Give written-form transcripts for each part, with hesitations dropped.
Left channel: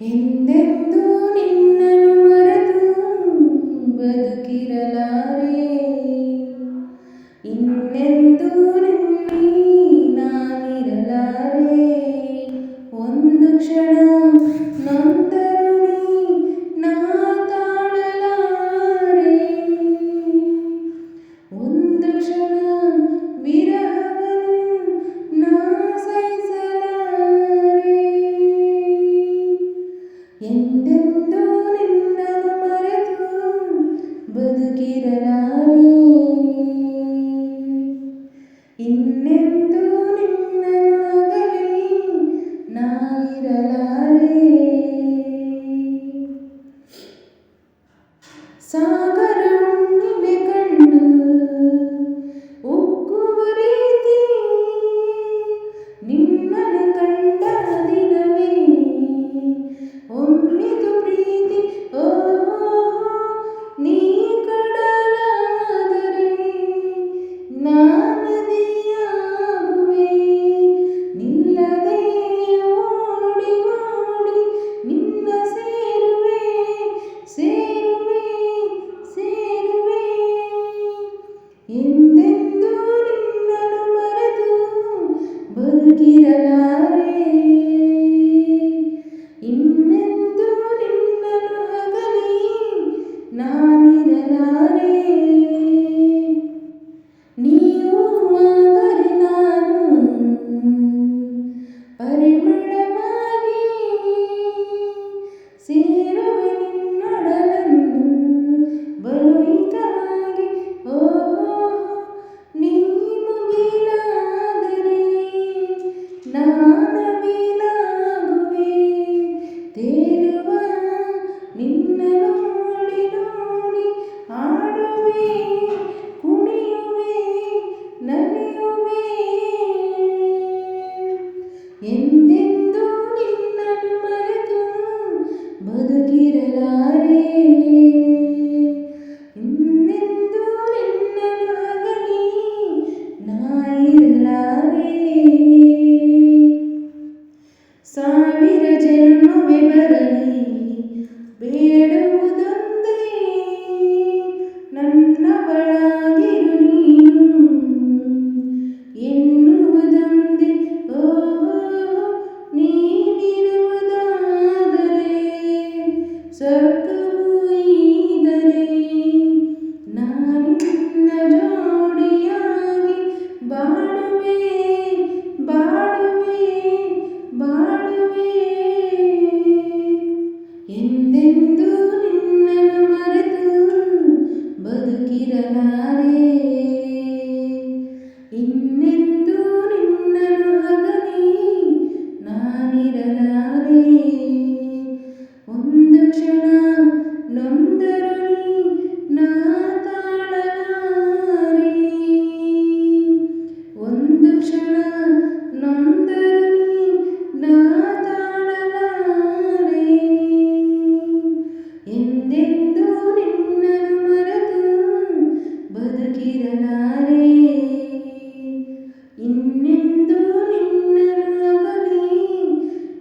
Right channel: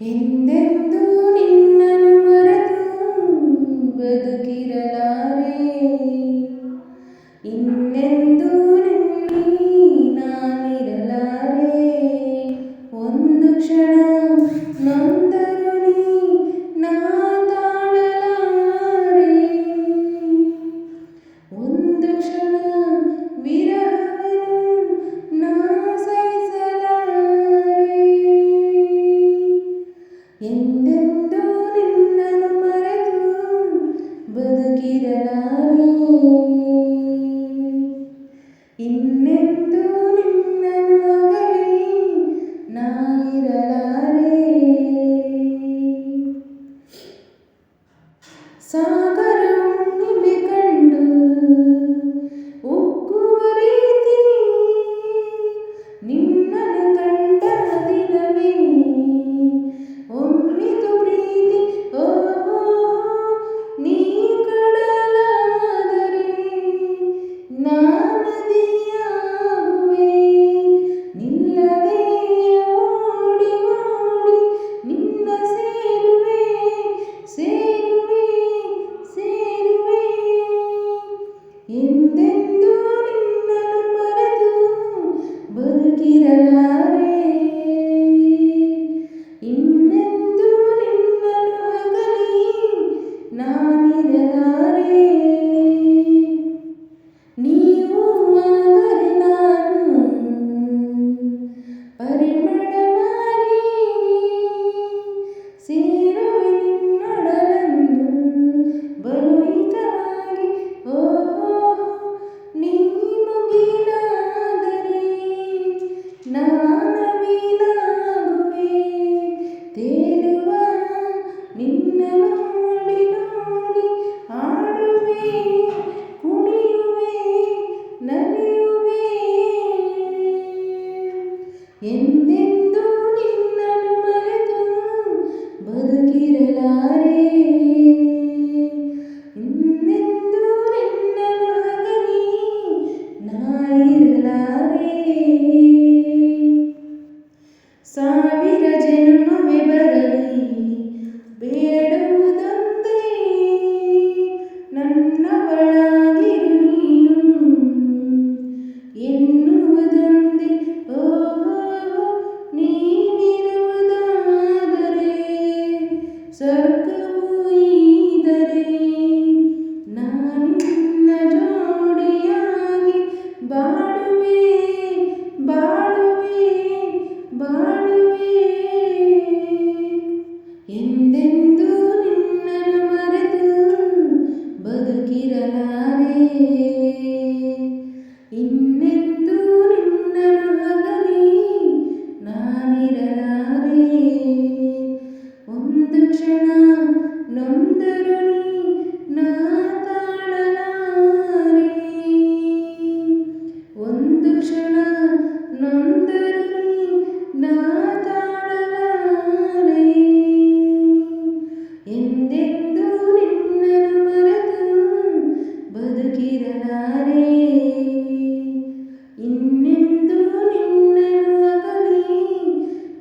ಎಂದೆಂದೂ ನಿನ್ನನ್ನು ಮರೆತು ಬದುಕಿರಲಾರೆ. ಇನ್ನೆಂದೂ ನಿನ್ನಲ್ಲಿ ನಾನಿರಲಾರೆ. ಒಂದು ಕ್ಷಣ ನೊಂದರು ನೀ ನಾ ತಾಳಲಾರೆ. ಒಂದು ಕ್ಷಣ ವಿರಹವನ್ನು ನಾ ಸಹಿಸಲಾರೆ. ಎಂದೆಂದೂ ನಿನ್ನನ್ನು ಮರೆತು ಬದುಕಿರಲಾರೆ. ಇನ್ನೆಂದೂ ನಿನ್ನನ್ನು ಅಗಲಿ ನಾ ಇರಲಾರೆ. ಸಾಗರ ಹುಣ್ಣಿಮೆ ಕಂಡು ಉಕ್ಕುವ ರೀತಿ ನಿನ್ನನ್ನು ಕಂಡ ದಿನವೇ ಒಮ್ಮಿತು ಪ್ರೀತಿ. ಓಹೋ ನೀ ಕಡಲಾದರೆ ನಾ ನದಿಯಾಗುವೆ. ನಿಲ್ಲದೆ ಓಡಿ ಓಡಿ ನಿನ್ನ ಸೇರುವೆ ಸೇರುವೆ ಸೇರುವೆ. ಎಂದೆಂದೂ ನಿನ್ನನ್ನು ಮರೆತು ಬದುಕಿರಲಾರೆ. ಇನ್ನೆಂದೂ ನಿನ್ನನ್ನು ಅಗಲಿ ನಾನಿರಲಾರೆ. ನೀವು ಆದರೆ ನಾನು ಪರಿಮಳವಾಗಿ ಸೇರುವೆ ನಿನ್ನೊಡಲನ್ನು ಬಲು ಹಿತವಾಗಿ. ಓಹೋ ನೀ ಮುಗಿಲಾದರೆ ನಾನವಿಲಾಗುವೆ. ತೇಲುವ ನಿನ್ನ ನೋಡಿ ನೋಡಿ ಹಾಡುವೆ ಕುಣಿಯುವೆ ನಲಿಯುವೆ. ಎಂದೆಂದೂ ನಿನ್ನನ್ನು ಮರೆತು ಬದುಕಿರಲಾರೆ. ಇನ್ನೆಂದೂ ನಿನ್ನನ್ನು ಅಗಲಿ ನಾ ಇರಲಾರೆ. ಸಾವಿರ ಜನ್ಮವೇ ಬರಲಿ ಬೇಡುವುದೊಂದೇ ನನ್ನವಳಾಗಿರು ನೀನು ಎನ್ನುವುದೊಂದೇ. ಓಹೋ ನೀನಿರುವುದಾದರೆ ಸ್ವರ್ಗವೂ ಈದರೆ ನಾನಿನ್ನ ಜೋಡಿಯಾಗಿ ಬಾಳುವೆ ಬಾಳುವೆ ಬಾಳುವೆ. ಎಂದೆಂದೂ ನಿನ್ನನ್ನು ಮರೆತು ಬದುಕಿರಲಾರೆ. ಇನ್ನೆಂದೂ ನಿನ್ನನ್ನು ಅಗಲಿ ನಾನಿರಲಾರೆ. ಒಂದು ಕ್ಷಣ ನೊಂದರು ನೀ ನಾ ತಾಳಲಾರೆ. ಒಂದು ಕ್ಷಣ ನೊಂದರು ನೀ ನಾ ತಾಳಲಾರೆ. ಎಂದೆಂದೂ ನಿನ್ನನ್ನು ಮರೆತು ಬದುಕಿರಲಾರೆ. ಇನ್ನೆಂದೂ ನಿನ್ನನ್ನು ಅಗಲಿ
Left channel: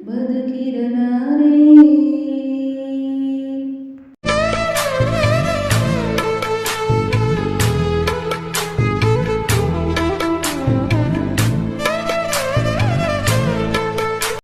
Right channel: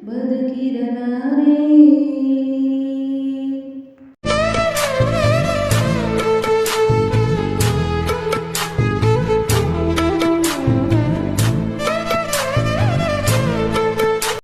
ಬದುಕಿರಲಾರೆ.